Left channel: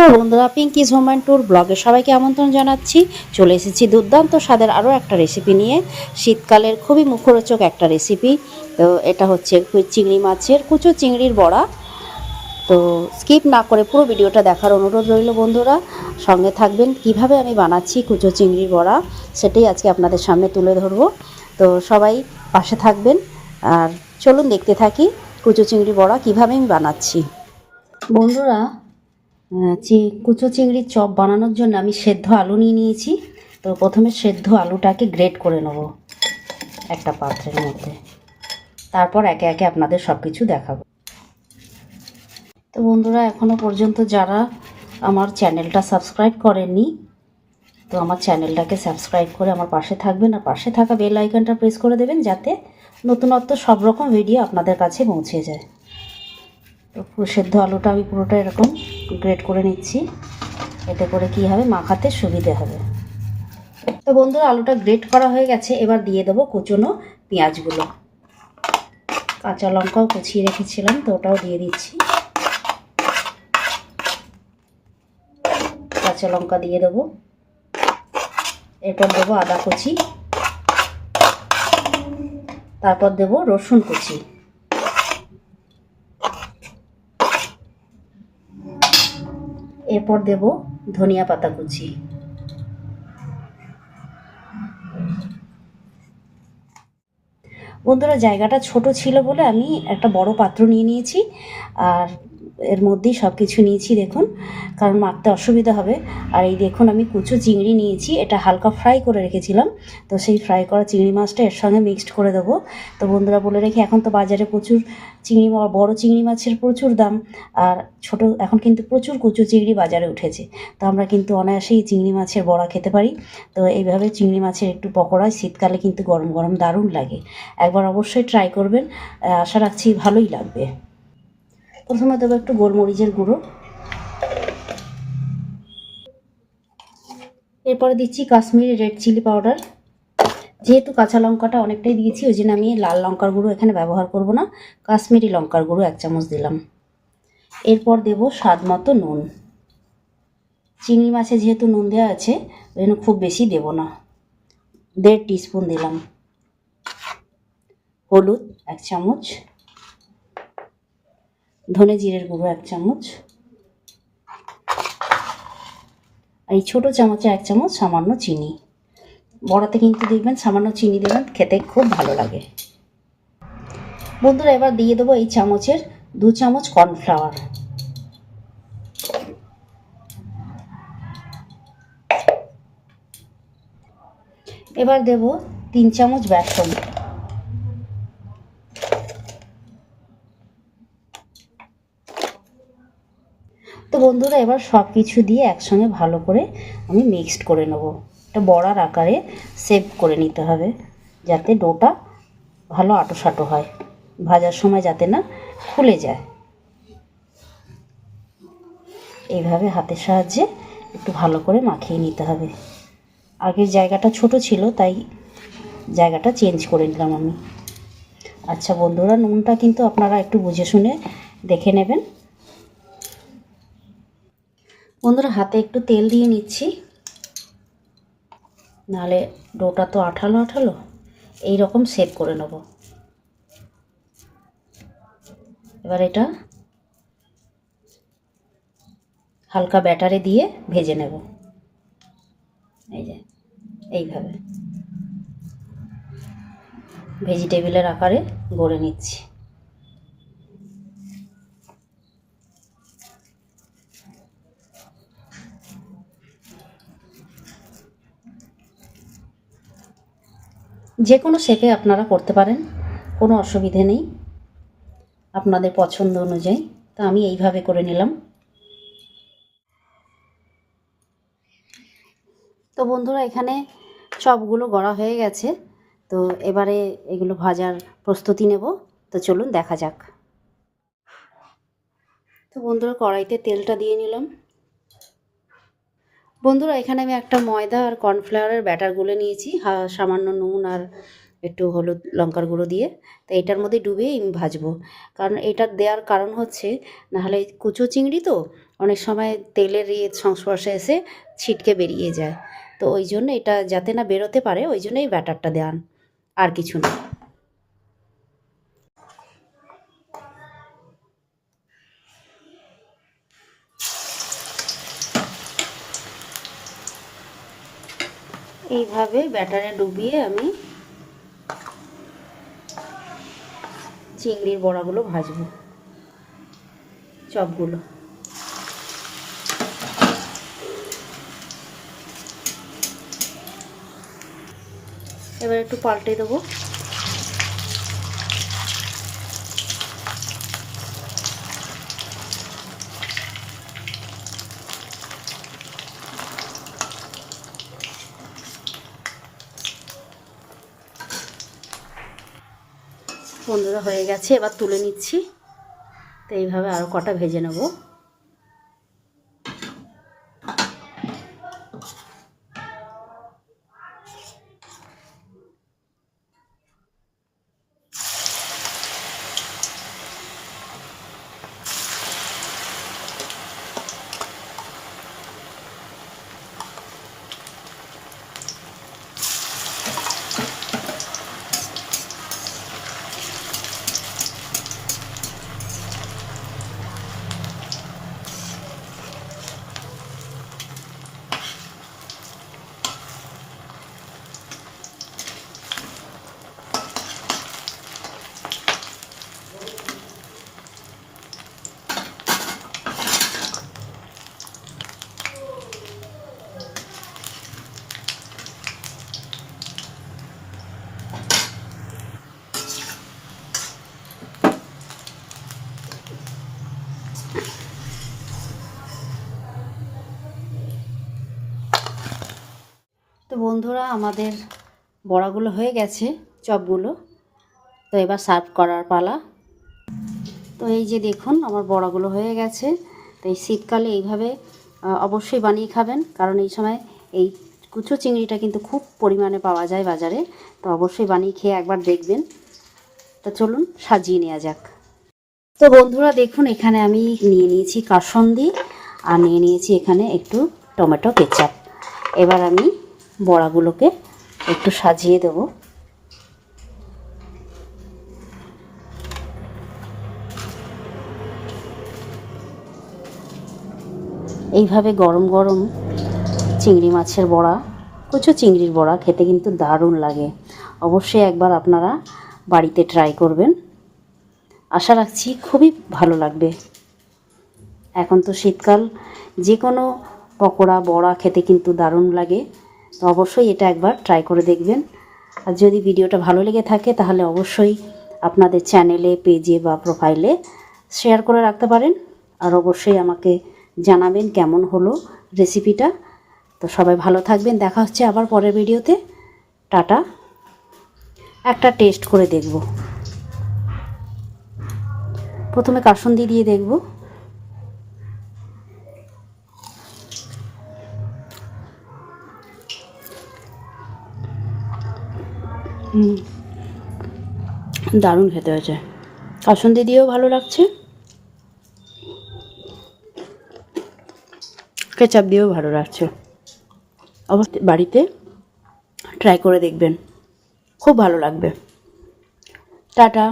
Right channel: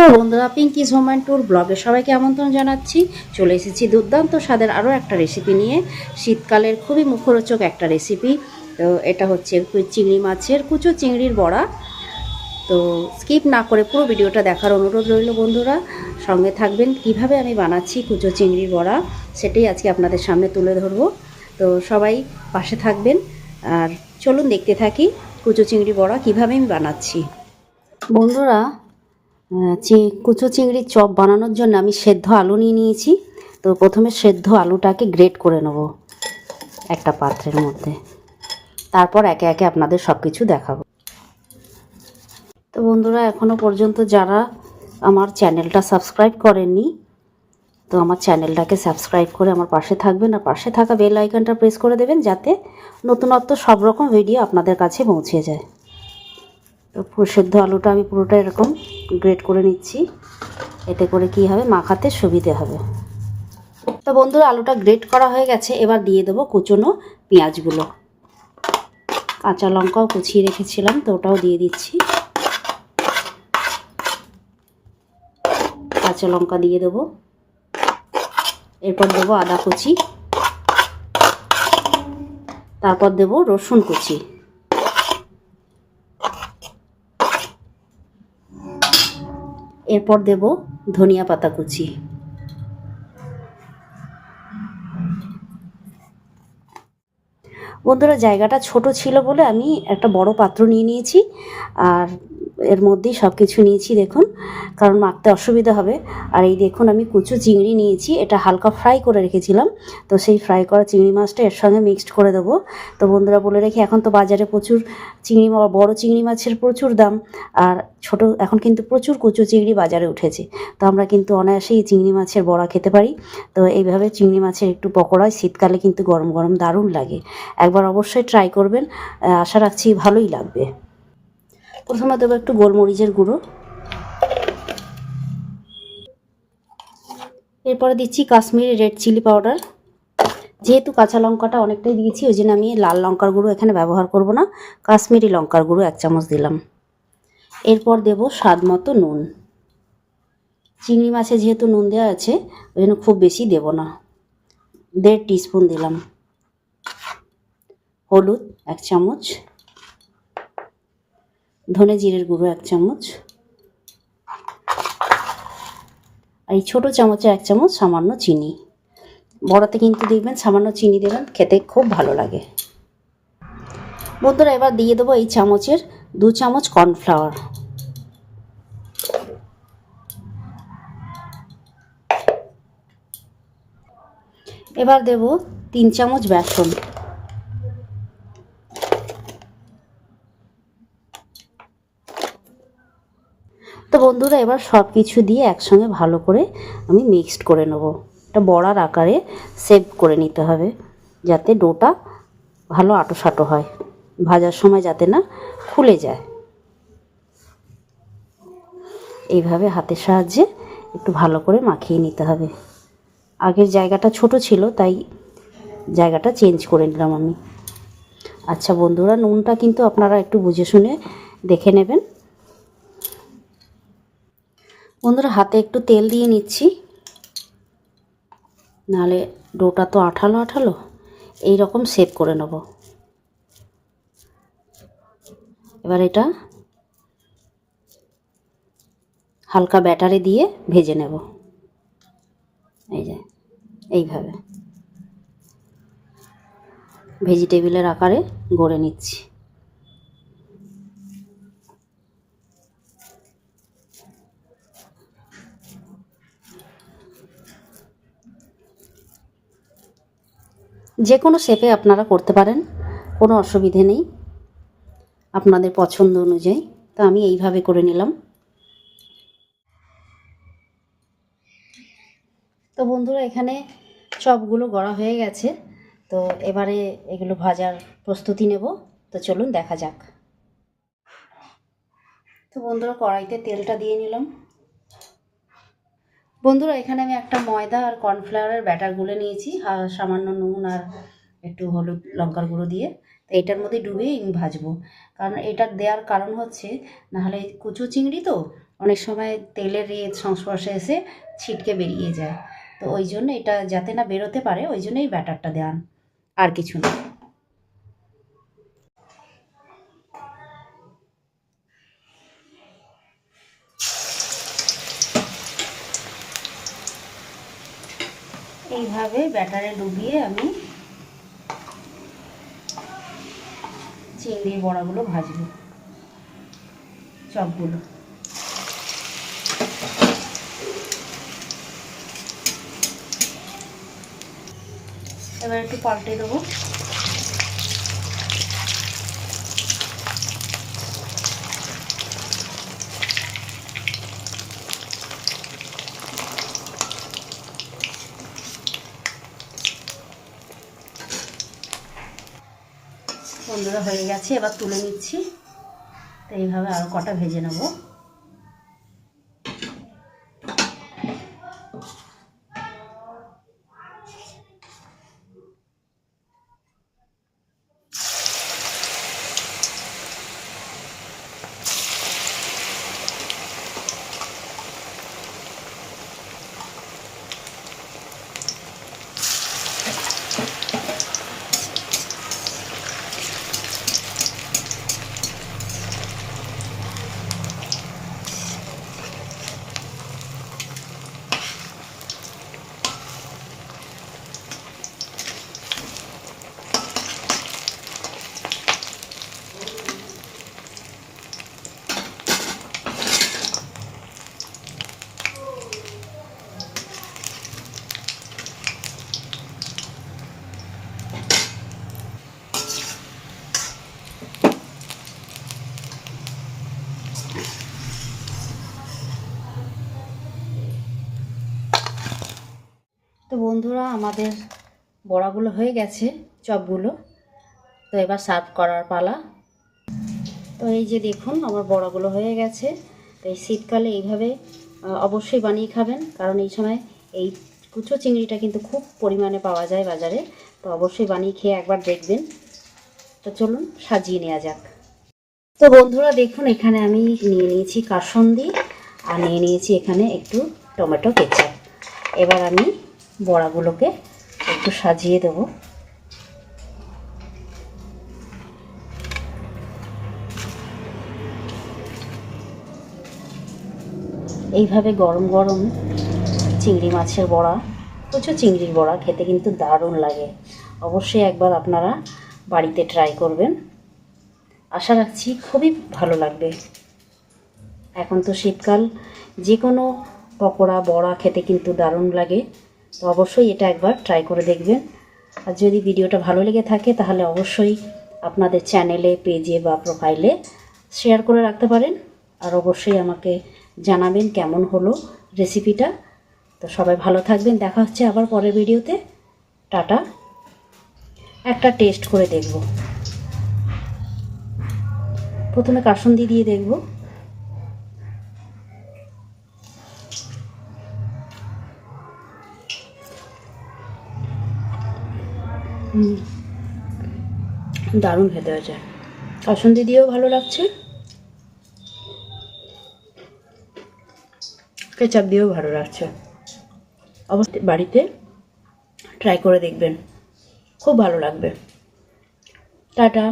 নমস্কার বন্ধুরা, পিঙ্কিজ home and tour ব্লগে সবাইকে আমন্ত্রণ জানাচ্ছি। চলে এসেছি দুর্দান্ত স্বাদের আরও একটা রেসিপি নিয়ে। শীতকালের খুবই মুখরোচক একটা রেসিপি। তো এটা হচ্ছে চিংড়ি মাছের কুচো চিংড়ির বড়া। তো স্কিপ না করে পুরো ভিডিওটা দেখার অনুরোধ রইল বন্ধুরা। সঙ্গে থাকবেন, কিভাবে আমি বানাচ্ছি কুচো চিংড়ির বড়া সেটাই আজকে আপনাদের সামনে তুলে ধরবো। তো সবাই পাশে থাকবেন আর চলুন দেখতে থাকি কুচো চিংড়ি বড়া কিভাবে আমি বানাচ্ছি। বন্ধুরা, কুচো চিংড়ির চপ বানানোর জন্য আমি সেদ্ধ আলু নিয়ে নিয়েছি। তো প্রথমে সেদ্ধ আলুটাকে গ্রেট করে নেব একটা পাত্রের মধ্যে, তারপর একে একে আপনাদের সব কিছু দেখাবো। তো বন্ধুরা, এখনও পর্যন্ত যারা আমার চ্যানেলটা সাবস্ক্রাইব করেননি, তো আমার চ্যানেলটাকে সাবস্ক্রাইব করে আমার পাশে থাকবেন আর পাশে থাকা বেল আইকনটা প্রেস করে দেবেন, যাতে নতুনত্ব সব রকম ভিডিও আপনাদের কাছে পৌঁছে যায়। তো সেদ্ধ আলুটা আমি পুরোটা এরকম গ্রেট করে নিচ্ছি, এতে করে কি হবে, মাখাতে সুবিধে হবে। তো বন্ধুরা, আলুটা গ্রেট করা হয়ে গেছে। এবার দিয়ে দেবো কুচনো পেঁয়াজগুলো। কাঁচা লঙ্কাও কুচিয়ে রেখেছিলাম, তো ওটাও দিয়ে দিচ্ছি। কাঁচা লঙ্কা দিয়ে দেবো, এরপর দেবো আদা কুচি, তারপর দেবো রসুন কুচি, এরপর দেবো ধনিয়া পাতা কুচি। বন্ধুরা, জায়গাটা ছোট ছিল বলে আমি একটা বড় পাত্র নিয়ে নিয়েছি, আর এর মধ্যেই সব কিছু নিয়েছি দেখুন, কারণ মাখতে অসুবিধা হবে। আর এই দেখুন, আমি কুচো চিংড়ি নিয়েছি, এটা হালকা ফ্রাই করে রেখেছিলাম। তো সেই ফ্রাই করা চিংড়ি মাছটা এর সঙ্গে মিক্সড করে দেবো। তো বন্ধুরা, বলে রেখে, এখন তো বাজারে প্রচুর বড় চিংড়ি মাছের প্রচুর দাম, আর এখন কিন্তু প্রচুর কুচো চিংড়ি বাজারে উঠেছে। তো আমরা কিন্তু অনায়াসেই চিংড়ি মাছের বড়া খেতে পারি। তো এইভাবে চিংড়ি মাছের একটু পকোড়া শীতকালে কিন্তু গরম গরম দারুণ লাগে। একবার অবশ্যই ট্রাই করবেন, আশা রাখছি ভালোই লাগবে। প্রথমে দেবো একটু গোলমরিচের গুঁড়ো, এরপরে দিচ্ছি কাশ্মীরি রেড চিলি পাউডার। যেহেতু কাঁচা লঙ্কাটা অনেকটাই দিয়েছি, ওই জন্য আমি লাল লঙ্কার গুঁড়ো এখানে ব্যবহার করব না, কাশ্মীরি লঙ্কার গুঁড়ো 1 চামচ দিলাম। এরপর দেবো স্বাদ মতো নুন। চিংড়ি মাছে যেহেতু নুন দেওয়া আছে, ওই জন্য খুব বেশি দেব না, 1.5 টিস্পুন দিলাম। হলুদ 1 চামচ, ধনে জিরের গুঁড়ো 1 চামচ, আর এই ছোটো চামচে 1 চামচ সামান্য চিনি। বড়াতে কিন্তু দেখবেন সামান্য চিনি দেবেন, খেতে খুব ভালো লাগে। বন্ধুরা, এবার দিয়ে দেবো এই চামচের 2 চামচ কর্নফ্লাওয়ার। এবার দেব 3 চামচ বেসন। তো বন্ধুরা, এবার সব কিছু দিয়ে একসঙ্গে ভালো করে আমি মিক্সড করে নেব। এটা বড়ার আকারে সেভ করে নিতে হবে, যাতে ডোটা ভালো আঁটো হয়, ভাজার সময় যাতে না ফুলে যায়। এইভাবে হাতের সাহায্যে একটু ভালো করে মাখিয়ে নিতে হবে। আগের জায়গাটা ছোট ছিল, তাই জায়গাটা চেঞ্জ করে নিলাম আমি। আচ্ছা বন্ধুরা, নুনটা কিন্তু আপনারা একটু বুঝে শুনে দেখে নেবেন। বন্ধুরা, হাতে একটু তেল দিয়ে নিচ্ছি, নাহলে ডোটা তো আঠালো আঠালো। এই রকম সেভ করে নেব। এবার এটা হালকা ব্যাটারে দিয়ে ভেজে নেব। এই যে এইভাবে ভেজিটেবিলের আকারে গড়ে নিচ্ছি। যে কোনো শেপে আপনারা করতে পারেন, কোনো অসুবিধে নেই, আপনাদের পছন্দ অনুযায়ী। তো আমি এইভাবে করে নিলাম। তো বন্ধুরা, এখানে চপগুলো গড়া হয়ে গেছে। তো এবারে এগুলো ভাজার প্রস্তুতি নেব। তো চলুন দেখা যাক। তো বন্ধুরা, কড়াইতে তেলটা দিয়ে নিলাম। বন্ধুরা, এখানে আমি একটা ময়দা আর কর্নফ্লাওয়ারের ব্যাটার গুলে নিয়েছি, সামান্য নুন আর একটু হলুদ লঙ্কার গুঁড়ো দিয়ে। তো এটার মধ্যে ডুবিয়ে আমি ভাজবো, কারণ এটা দেওয়ার কারণ হচ্ছে, নাহলে কুচো চিংড়ি তো অনেক সময় তেলের সংস্পর্শে এসে ছিটকে বেরিয়ে যায়, তো ওই জন্য এটা যাতে না বেরোতে পারে ওই জন্য এই ব্যাটারটা দেন, আর কিছু না। এইভাবে ব্যাটারে ডুবিয়ে আমি চিংড়ির বড়াগুলো ভাজবো, চপগুলো। এবার একটু পাল্টে দেবো। বন্ধুরা হয়ে গেছে, এবার তুলে নিচ্ছি। তো এইভাবে আর কটা ভেজে নেব। তো বন্ধুরা আমাদের বড়াগুলো হয়ে গেছে, চপগুলো। তো এবার সার্ভ করার পালা। তো এই যে দেখুন আমার বড়াগুলো হয়ে গেছে। তো এই শীতকালে এইভাবে অবশ্যই বানিয়ে খাবেন, কারণ এই সময় এই কুচো চিংড়িটা কিন্তু খুব পরিমাণে পাওয়া যায় বাজারে। তো অবশ্যই বানিয়ে খেয়ে একবার দেখবেন। তো চলুন সাজিয়ে নেওয়া যাক। তো বন্ধুরা দেখুন এখানে আমি নিয়ে নিয়েছি কাসুন্দি, আর নিয়ে নিয়েছি এখানে একটু টমেটো কেচাপ। এবার আমি বড়াগুলোকে একটু সাজিয়ে দেবো। এইভাবে গরম গরম চিংড়ি মাছের বড়া, প্রচুর চিংড়ির বড়া খেতে কিন্তু দারুণ লাগে। অবশ্যই একবার আপনারা বাড়িতে ট্রাই করবেন, আশা রাখছি খুবই ভালো লাগবে। এখন তো শীতকাল, যে কোনো পকোড়া বড়া খেতে কিন্তু দারুণ লাগে। তো অবশ্যই এটা একবার ট্রাই করে দেখবেন। আর যদি ভিডিওটা ভালো লেগে থাকে তাহলে অবশ্যই আপনাদের চ্যানেলে, পেজে বা প্রোফাইলে শেয়ার করে রাখতে পারেন। আর অবশ্যই আমাকে জানাবেন কেমন হলো রেসিপিটা। তো সবাই ভালো থাকবেন, দেখা হচ্ছে আবার পরের ভিডিওতে। টাটা। একটা টেস্ট করে দেখব, প্রথমে কাসুন্দি দিয়ে দেখব। দারুণ খেতে হয়েছে, কাসুন্দি দিয়েও ভালো লাগছে, কেচাপ দিয়েও ভালো লাগছে। অবশ্যই বাড়িতে ট্রাই করে দেখবেন, খুব ভালো লাগবে। টাটা।